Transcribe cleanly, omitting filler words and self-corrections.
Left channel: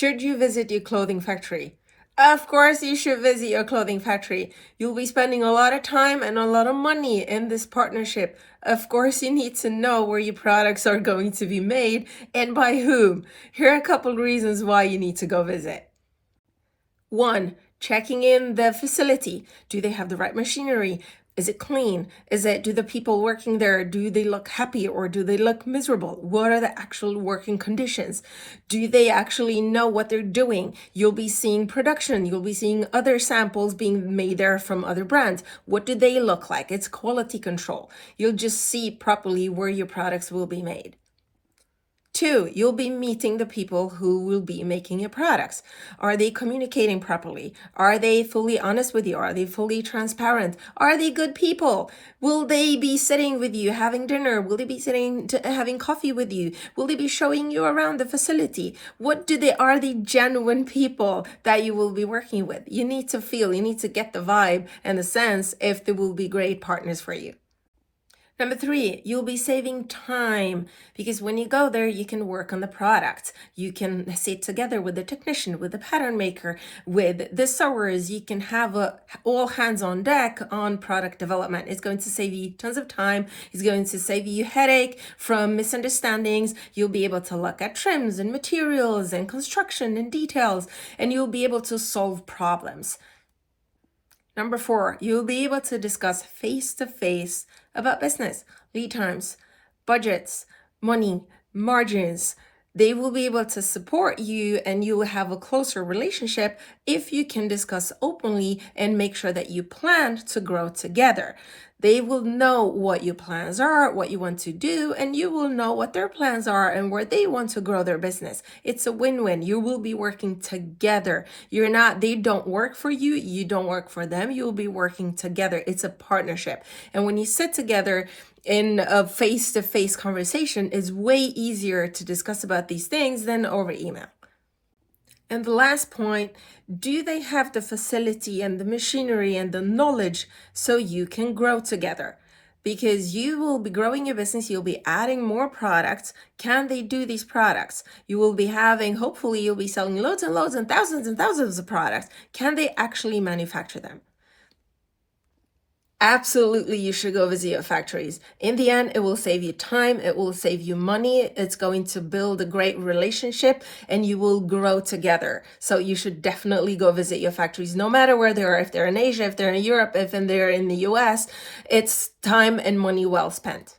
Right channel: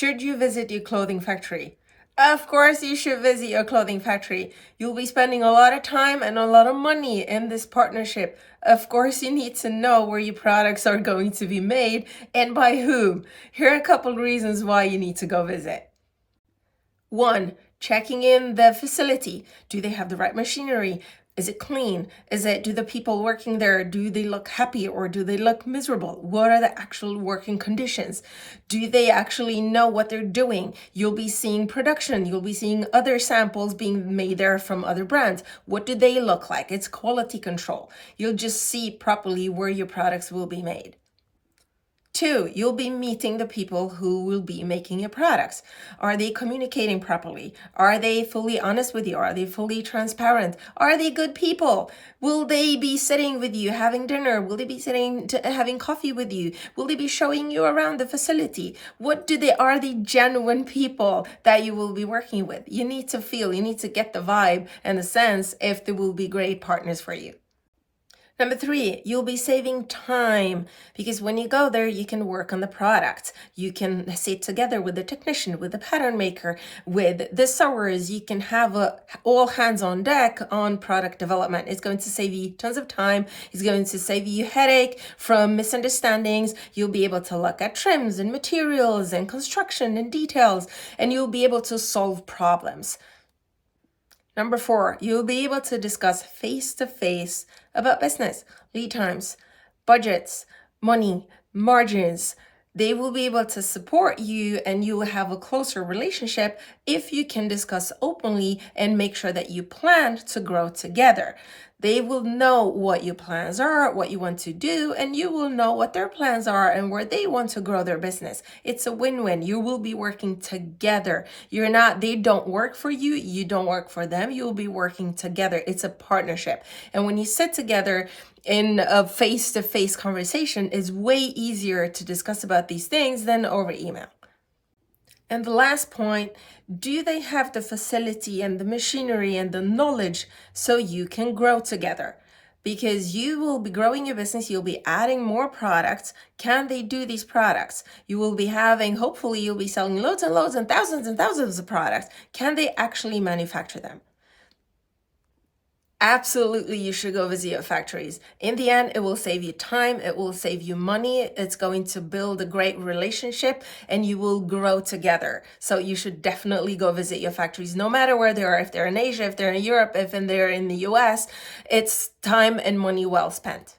Should you visit your clothing factory? Of course, you should visit your clothing factory. You'll be spending a lot of time and a lot of money in this partnership. Of course, you need to know where your products are going to be made and by whom. Here are a couple reasons why you need to go visit. 1, checking in the facility. Do they have the right machinery? Is it clean? Do the people working there, do they look happy or do they look miserable? What are the actual working conditions? Do they actually know what they're doing? You'll be seeing production. You'll be seeing other samples being made there from other brands. What do they look like? It's quality control. You'll just see properly where your products will be made. 2, you'll be meeting the people who will be making your products. Are they communicating properly? Are they fully honest with you? Are they fully transparent? Are they good people? Will they be sitting with you having dinner? Will they be having coffee with you? Will they be showing you around the facility? Are they genuine people that you will be working with? You need to get the vibe and the sense if they will be great partners for you. Number 3, you'll be saving time because when you go there, you can work on the product. You can sit together with the technician, with the pattern maker, with the sewers. You can have all hands on deck on product development. It's going to save you tons of time. It's going to save you headache from misunderstandings. You'll be able to look at trims and materials and construction and details, and you'll be able to solve problems. Number 4, you'll be able to discuss face-to-face about business, lead times, budgets, money, margins. They will be able to support you and you will have a closer relationship if you can discuss openly and make sure that you plan to grow together. They will know what your plans are, what you want to do, and you will know what their plans are and where they want to grow their business. It's a win-win. You will be working together. They don't work for you. You don't work for them. You'll be working together. It's a partnership. And when you sit together in a face-to-face conversation, it's way easier to discuss about these things than over email. And the last point, do they have the facility and the machinery and the knowledge so you can grow together? Because you will be growing your business, you'll be adding more products. Can they do these products? Hopefully you'll be selling loads and loads and thousands of products. Can they actually manufacture them? Absolutely, you should go visit your factories. In the end, it will save you time, it will save you money, it's going to build a great relationship, and you will grow together. So you should definitely go visit your factories, no matter where they are. If they're in Asia, if they're in Europe, if they're in the US, it's time and money well spent.